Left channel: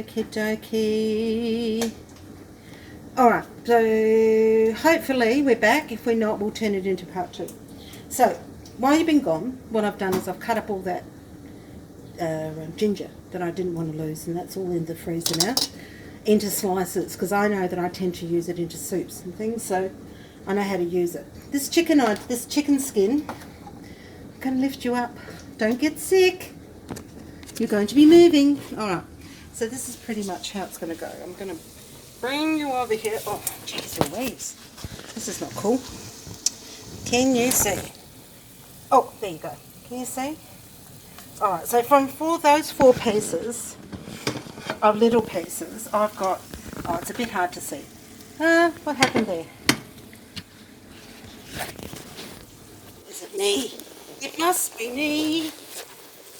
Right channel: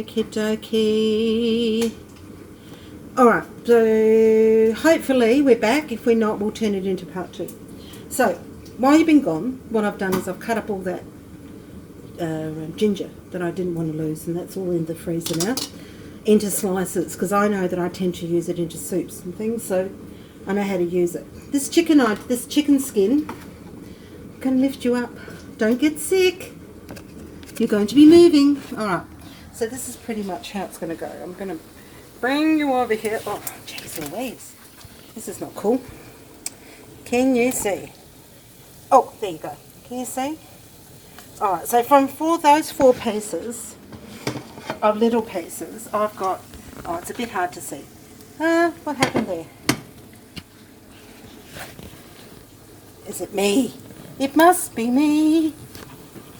Okie dokie. Alright, so hopefully we're back. If we're not, we'll turn it into part 2. So, while you've been gone, what I've done is I've cut up all that ginger that I didn't want to lose, and that's all in the freezer now, into slices, because I know that I tend to use it into soups and things, so I know how to use it. This chicken skin, I'm going to lift you up. Don't get sick. You're going to be moving. Alright, so this is pretty much how it's going to go. I'm going to bring you over here. Oh, jeez Louise. This is not cool. Can you see? Oh, there you go. Can you see? Alright, so for those 4 pieces of little pieces, I've got... Oh, it's a bit hard to see. What happened there? Is it me? It must be me.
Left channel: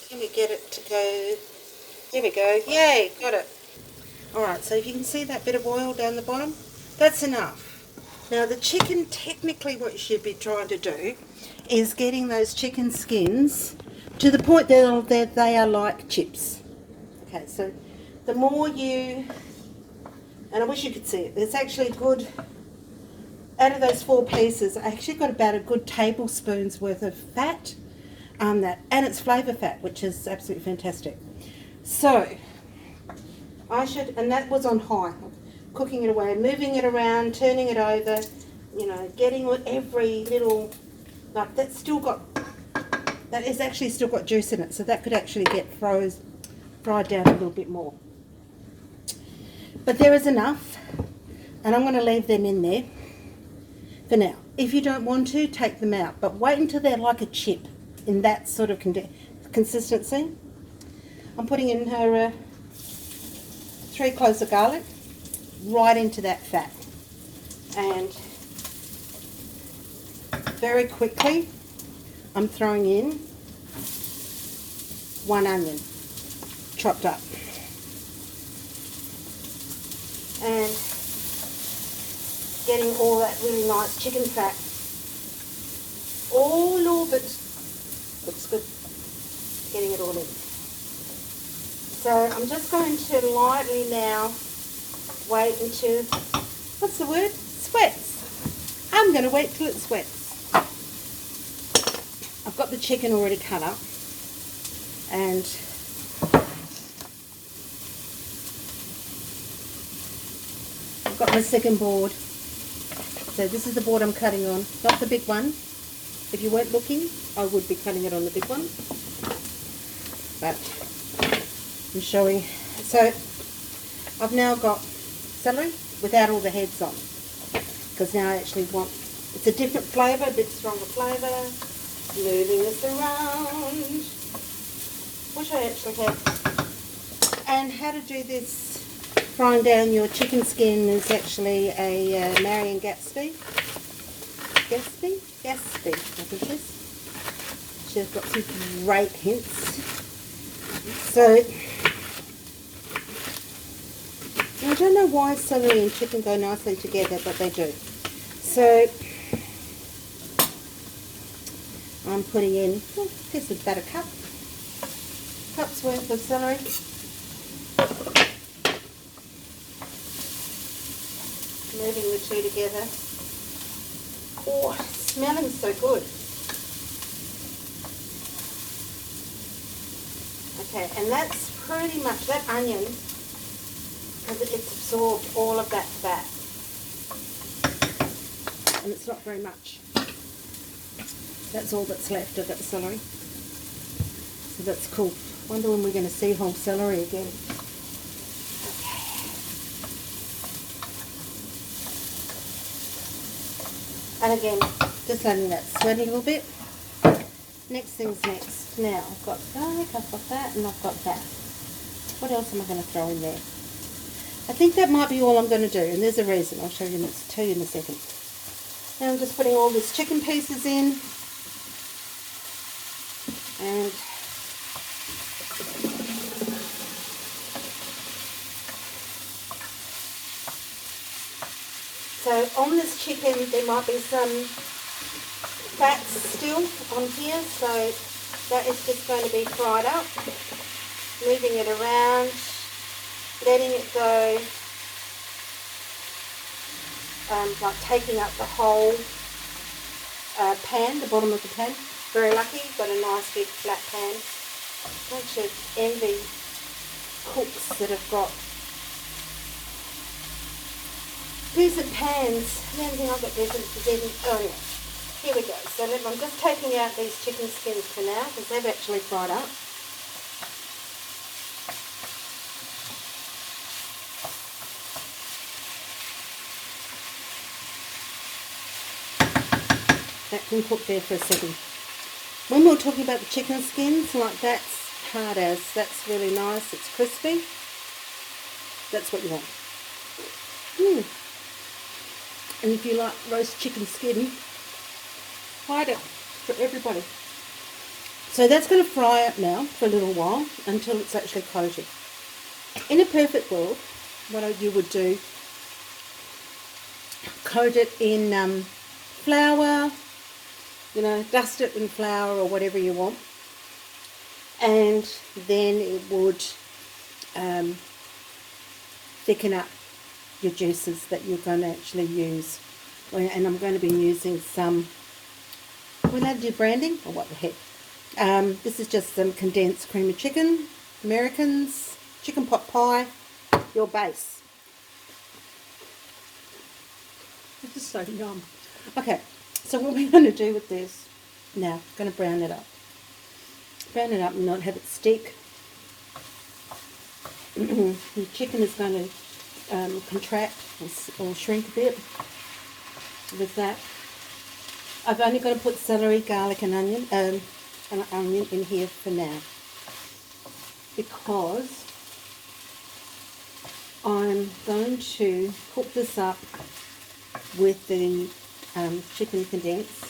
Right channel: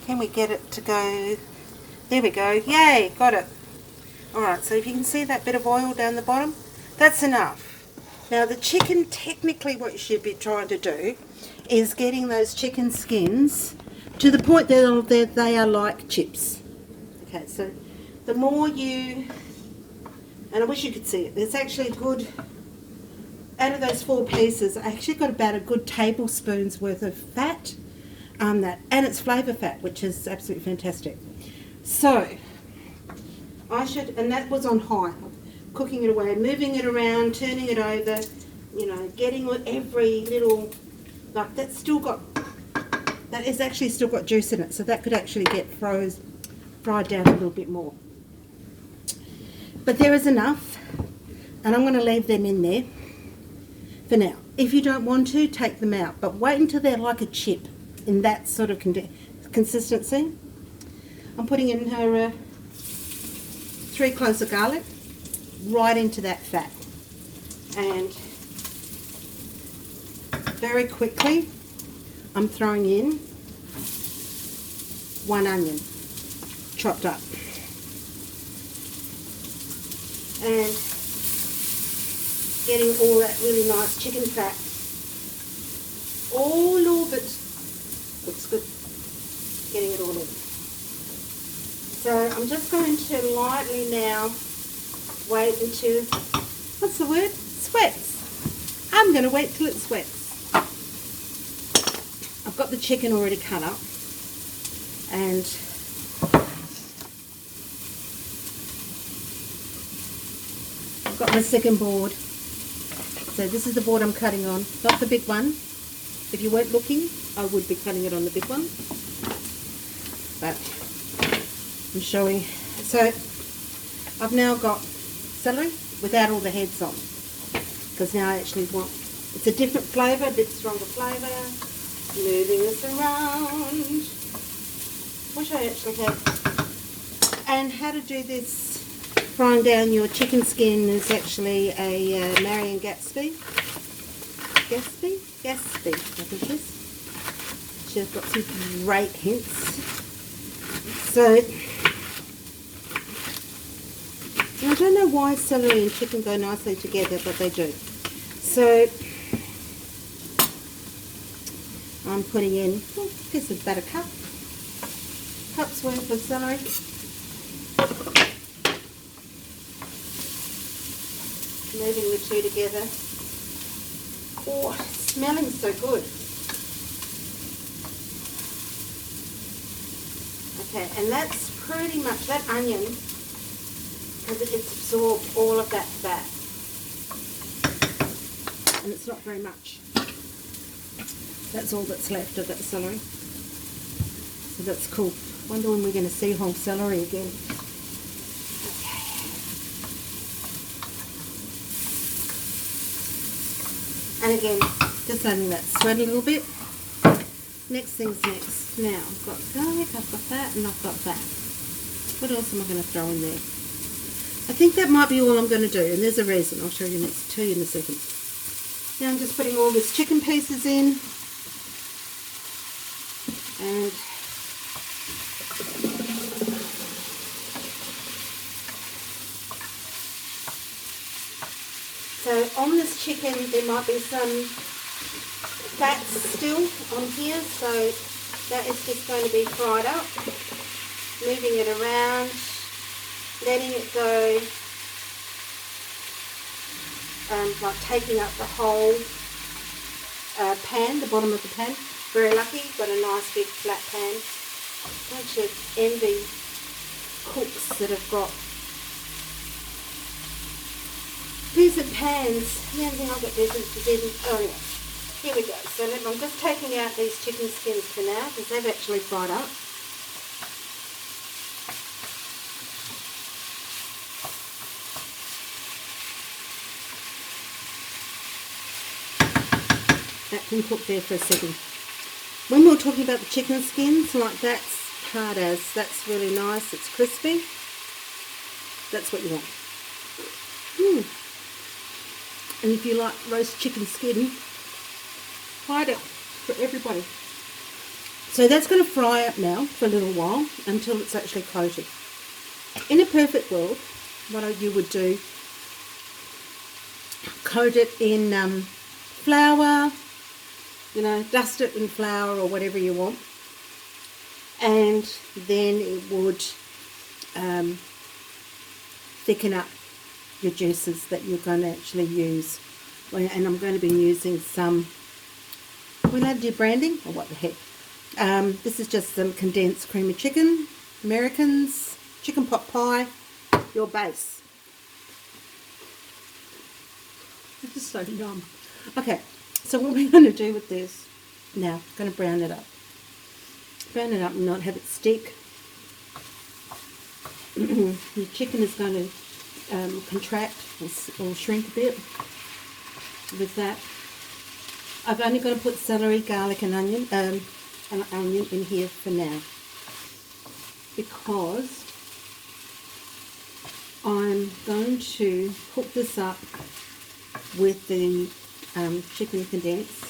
Can we get it to go? There we go. Yay, got it. Alright, so if you can see that bit of oil down the bottom, that's enough. Now the chicken, technically what you should be trying to do is getting those chicken skins to the point that they are like chips. Okay, so the more you, and I wish you could see it, there's actually good, out of those 4 pieces, I actually got about a good tablespoon's worth of fat, and it's flavour fat, which is absolutely fantastic. So, I should, and that was on high, cooking it away, moving it around, turning it over, you know, getting every little, like that's still got, that is actually still got juice in it, so that could actually get fried down a little bit more. But there is enough, and I'm going to leave them in there for now. If you don't want to, take them out, but wait until they're like a chip, in that sort of consistency. I'm putting in her 3 cloves of garlic right into that fat, and very quickly I'm throwing in 1 onion chopped up, and getting all that really nice chicken fat all over it. Looks good. Getting it all in. So I'm just going to lightly now wait until, what's the word? Sweats. I'm going to wait till it sweats. I've got the chicken already cut up, and I've got my second board. So this is the board I'm cutting on, not the big one. If you weren't looking, I would be cutting it on the big one. But I'm showing. So I've now got celery without all the heads on, because now I actually want, it's a different flavour, a bit stronger flavour. Moving this around. Wish I actually had. And how to do this, frying down your chicken skin, is actually a Marion Gatsby, I think it is. She's got some great hints. So, I don't know why celery and chicken go nicely together, but they do. So, I'm putting in, I guess it's about a cup's worth of celery. Moving the 2 together. Oh, it's smelling so good. Okay, and that's pretty much, that onion, because it's absorbed all of that fat. And it's not very much. That's all that's left of that celery. So that's cool. Wonder when we're going to see whole celery again. Okay. And again, just letting that sweat a little bit. Next thing's next. Now, I've got garlic, I've got that, and I've got that. What else am I going to throw in there? I think that might be all I'm going to do, and there's a reason. I'll tell you in a second. Now I'm just putting all these chicken pieces in. And so on this chicken there might be some fat still on here, so that is just going to be fried up, moving it around, letting it go, like taking up the whole pan, the bottom of the pan. Very lucky, got a nice big flat pan. I actually envy cooks that have got decent pans. The only thing I've got decent is in, oh yeah, here we go. So I'm just taking out these chicken skins for now because they've actually fried up. That can cook there for a second. When we're talking about the chicken skins, like that's hard as, that's really nice, it's crispy. That's what you want. And if you like roast chicken skin, hide it for everybody. So that's going to fry up now for a little while until it's actually coated. In a perfect world, what you would do, coat it in flour, you know, dust it in flour or whatever you want, and then it would thicken up your juices that you're going to actually use. And I'm going to be using some, when I do branding, or what the heck, this is just some condensed cream of chicken, Americans, chicken pot pie, your base. This is so yum. Okay, so what we're going to do with this now, going to brown it up. Brown it up and not have it stick. Your chicken is going to contract or shrink a bit with that. I've only got to put celery, garlic and onion in here for now because I'm going to cook this up with the chicken condensed,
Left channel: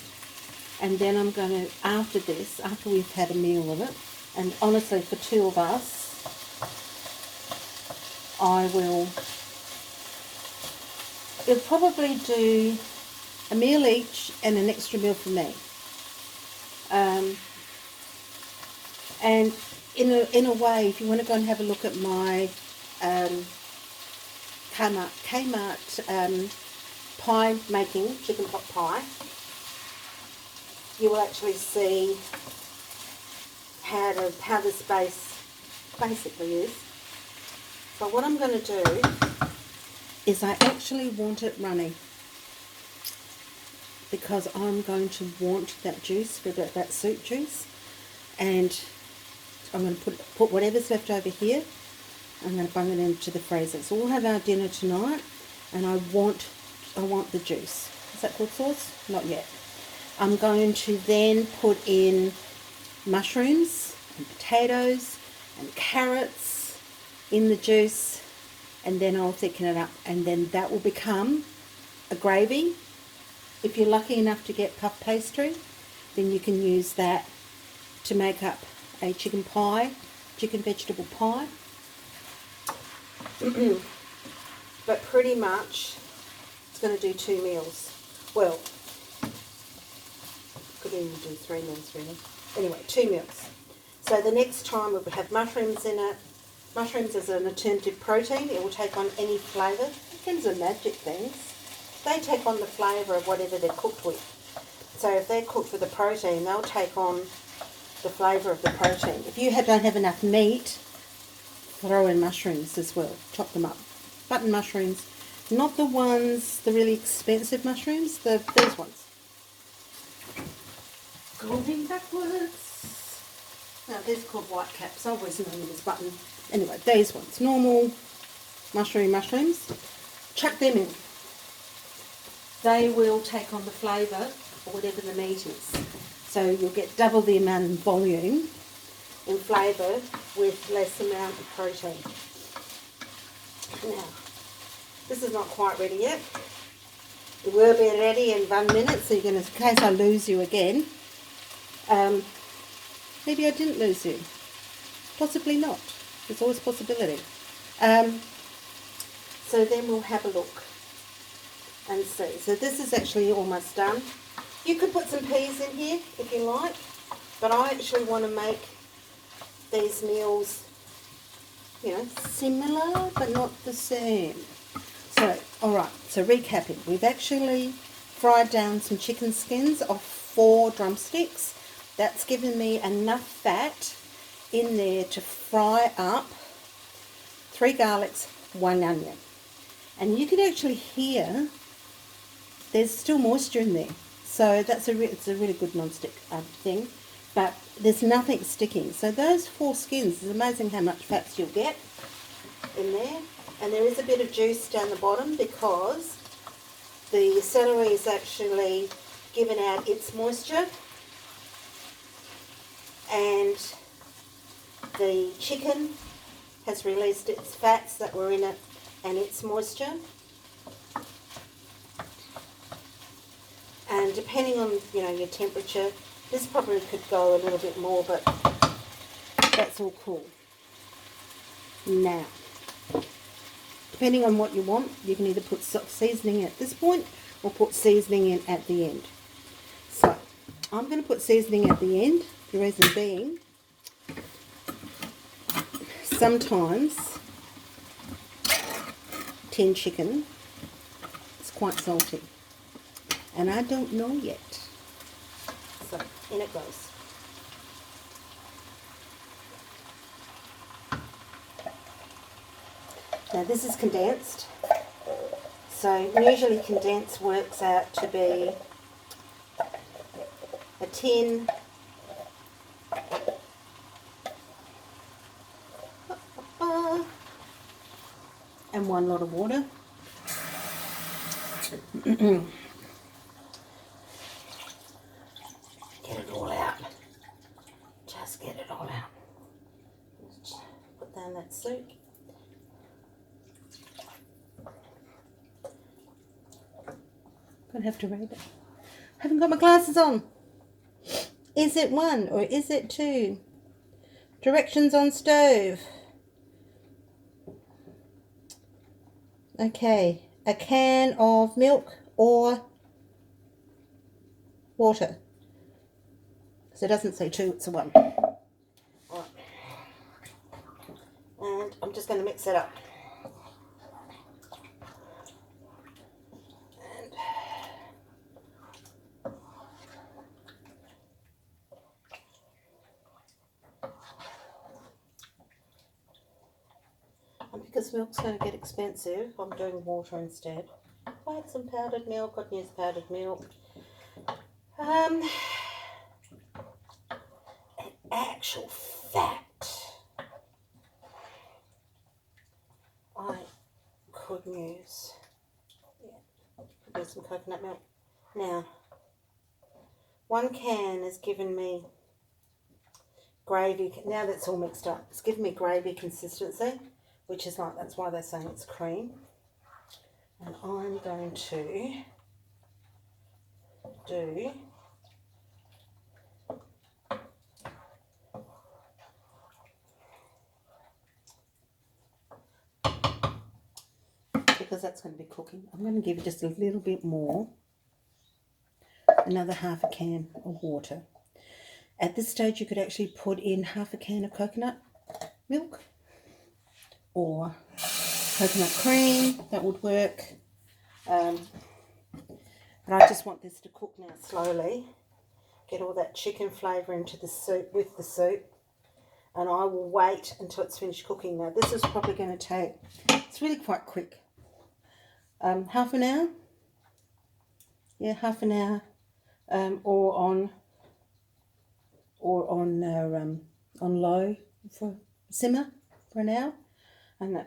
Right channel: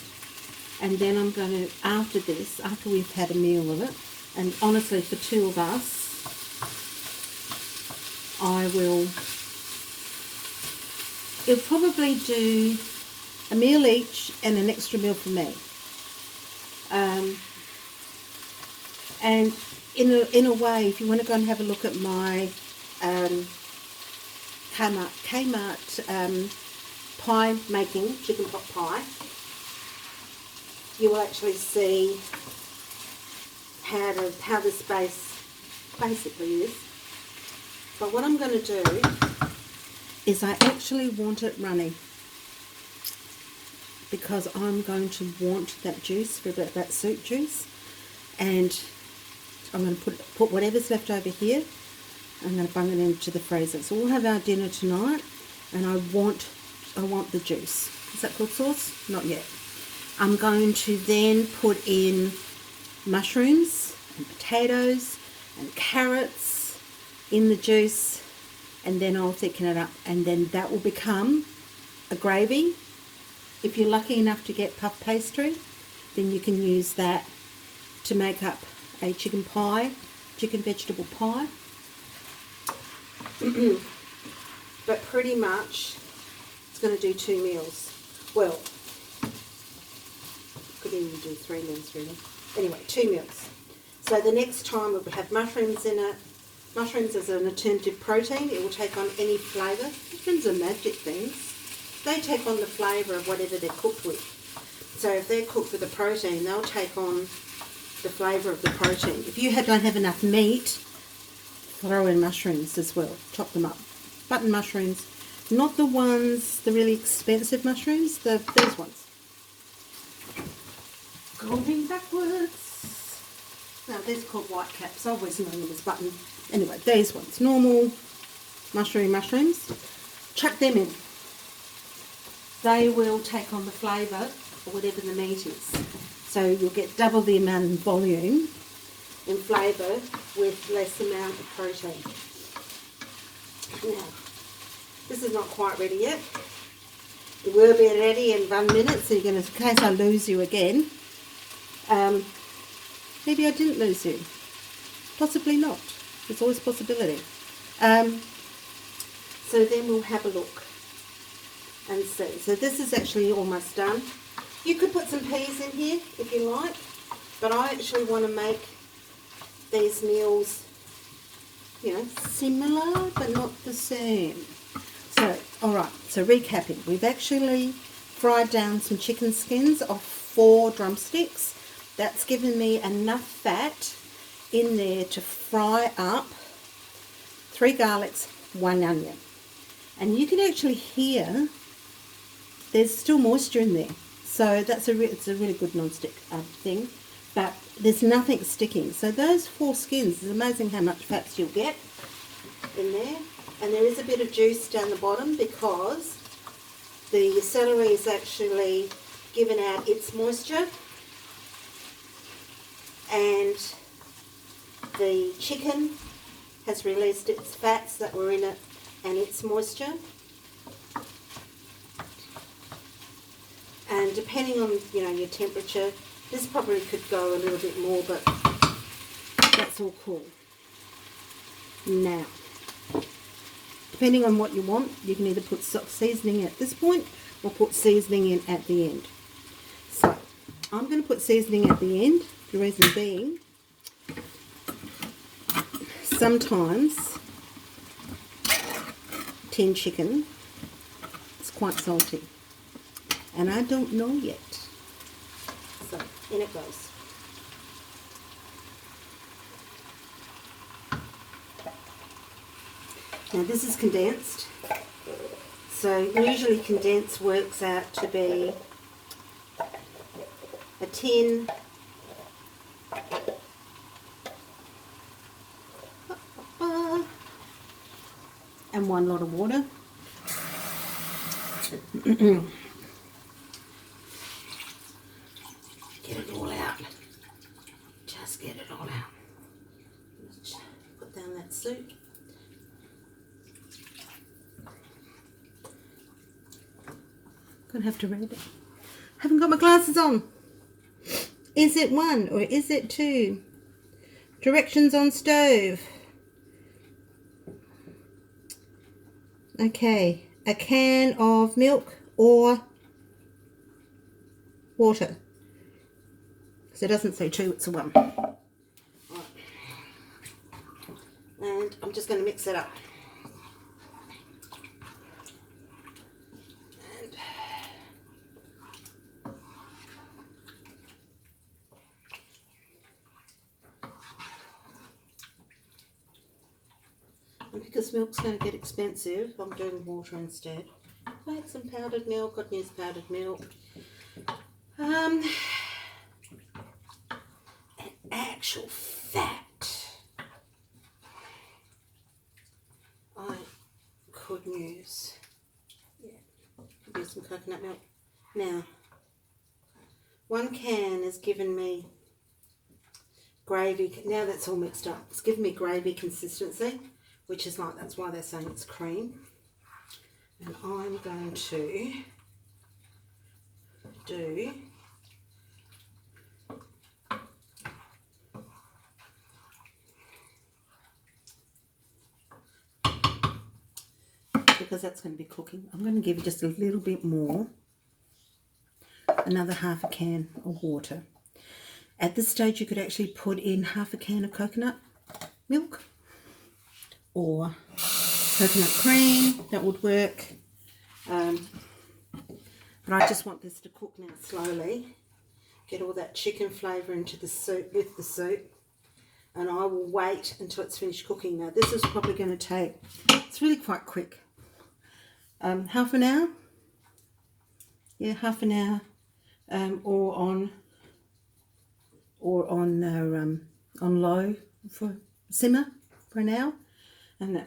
and then I'm going to, after we've had a meal of it, and honestly for two of us, it'll probably do a meal each and an extra meal for me. And in a way, if you want to go and have a look at my Kmart pie making, chicken pot pie, you will actually see how this base basically is. But what I'm going to do is I actually want it runny because I'm going to want that juice for that soup juice, and I'm going to put whatever's left over here. I'm going to bung it into the freezer. So we'll have our dinner tonight, and I want the juice. Is that called sauce? Not yet. I'm going to then put in mushrooms and potatoes and carrots in the juice, and then I'll thicken it up, and then that will become a gravy. If you're lucky enough to get puff pastry, then you can use that to make up a chicken vegetable pie. But pretty much it's going to do 2 meals. Well, could even do 3 meals really. Anyway, 2 meals. So the next time we'll have mushrooms in it. Mushrooms is an alternative protein. It will take on any flavour. Mushrooms are magic things. They take on the flavour of whatever they're cooked with. So if they're cooked with the protein, they'll take on the flavour of the protein. If you don't have enough meat, throw in mushrooms as well. Chop them up. Button mushrooms. Not the ones, the really expensive mushrooms, these ones. Going backwards. Now these are called white caps. I always know them as button. Anyway, these ones. Normal mushrooms. Chuck them in. They will take on the flavour or whatever the meat is. So you'll get double the amount of volume and flavour with less amount of protein. Now, this is not quite ready yet. It will be ready in 1 minute, so you're going to, in case I lose you again, maybe I didn't lose you. Possibly not. There's always a possibility. So then we'll have a look and see. So this is actually almost done. You could put some peas in here if you like, but I actually want to make these meals you know, similar but not the same. So, alright, so recapping. We've actually fried down some chicken skins off 4 drumsticks. That's given me enough fat in there to fry up 3 garlics, 1 onion. And you can actually hear there's still moisture in there. So that's it's a really good non-stick thing. But there's nothing sticking. So those 4 skins, it's amazing how much fats you'll get in there. And there is a bit of juice down the bottom because the celery is actually given out its moisture. And the chicken has released its fats that were in it and its moisture. And depending on, you know, your temperature, this probably could go a little bit more, but that's all cool. Now, depending on what you want, you can either put seasoning at this point or put seasoning in at the end. So, I'm going to put seasoning at the end, the reason being, sometimes tin chicken is quite salty. And I don't know yet. So, in it goes. Now this is condensed. So usually condensed works out to be a tin and 1 lot of water. Get it all out. Just get it all out. Put down that soup. Gonna have to read it. Haven't got my glasses on. Is it 1 or is it 2? Directions on stove. Okay, a can of milk or water. So it doesn't say 2, it's a 1. Right. And I'm just going to mix it up. And because milk's going to get expensive, I'm doing water instead. If I had some powdered milk, I'd use powdered milk. And actual fat, I could use, some coconut milk. Now, 1 can has given me gravy. Now that's all mixed up. It's given me gravy consistency, which is like, that's why they're saying it's cream. And I'm going to do because that's going to be cooking. I'm going to give it just a little bit more, another half a can of water. At this stage you could actually put in half a can of coconut milk or coconut cream, that would work. But I just want this to cook now slowly, get all that chicken flavour into the soup with the soup, and I will wait until it's finished cooking. Now this is probably going to take, it's really quite quick, half an hour, yeah, half an hour, or on low for simmer for an hour. And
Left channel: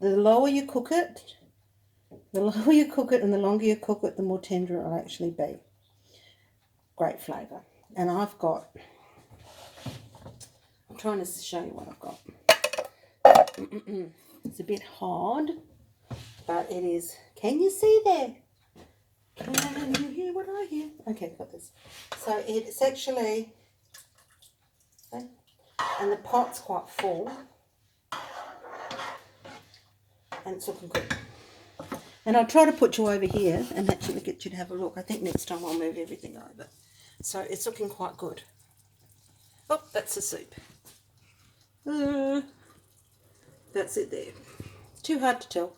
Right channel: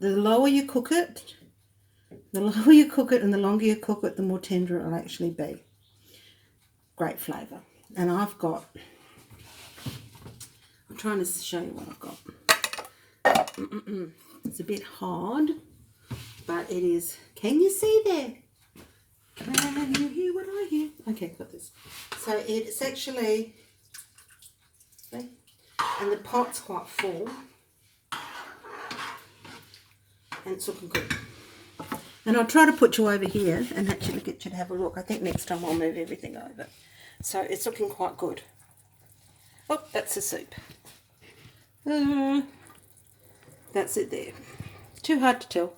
the lower you cook it, and the longer you cook it, the more tender it'll actually be. Great flavour. And I'm trying to show you what I've got. It's a bit hard, but it is. Can you see there? Can you hear what I hear? Okay, got this. So it's actually, okay, and the pot's quite full, and it's looking good. And I'll try to put you over here and actually get you to have a look. I think next time I'll move everything over. So it's looking quite good. Oh, that's the soup. That's it there. Too hard to tell.